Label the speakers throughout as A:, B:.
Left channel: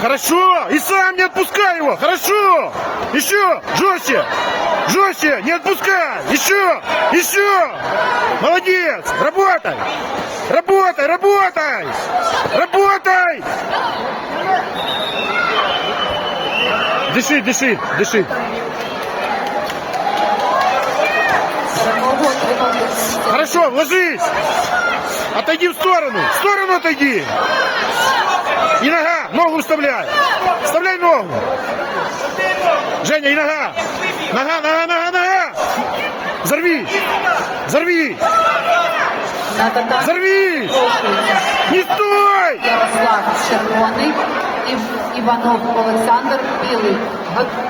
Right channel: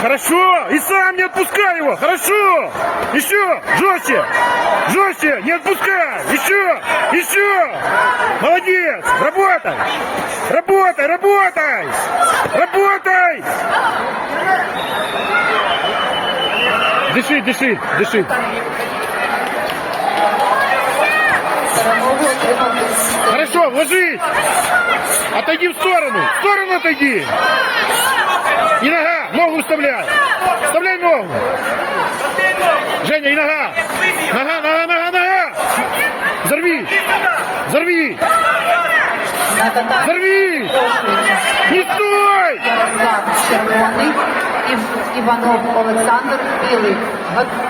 A: Хорошо! И сам не отпускай его! Хорошо! Еще! Жестче! Жестче! Не отпускай! Еще! Еще! Молодец! Работай! Работай! Работай! Работай! Дыши, дыши, дыши. Хорошо, ложись! Отойди в сторону! В сторону отойди! И нога! Ногу вставляй! Вставляй ногу! Женя, и нога! Нога, нога, нога, нога! Взорви! Взорви! Взорви! Не стой!
B: Іванов Олександр Білий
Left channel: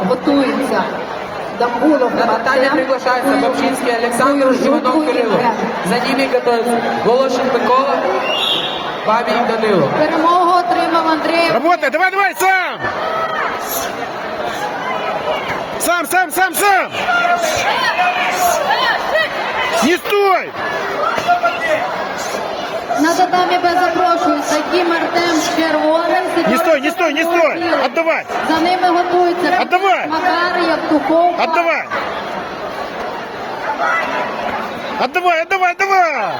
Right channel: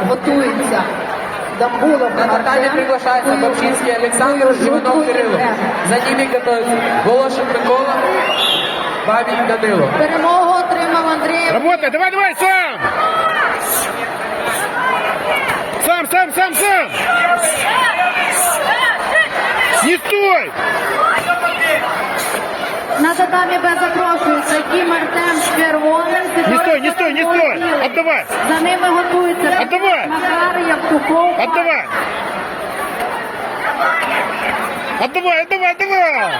B: готується до бою
C: На Наталья приглашается Бабчинский Александр, Животов Кирилл. За ними готовится Волошин Микола, Бабик Данило.
B: Перемогу отримав Андрій
A: Работай, давай, давай, сам! Сам, сам, сам, сам! Не стой!
B: На татамі без запрошується Кім Артем з червоним.
A: Не стой, не стой, не стой! Отдавай!
B: За ними готується
A: Отдавай!
B: Макар Явтухов.
A: Отдавай! Отдавай, отдавай, отдавай!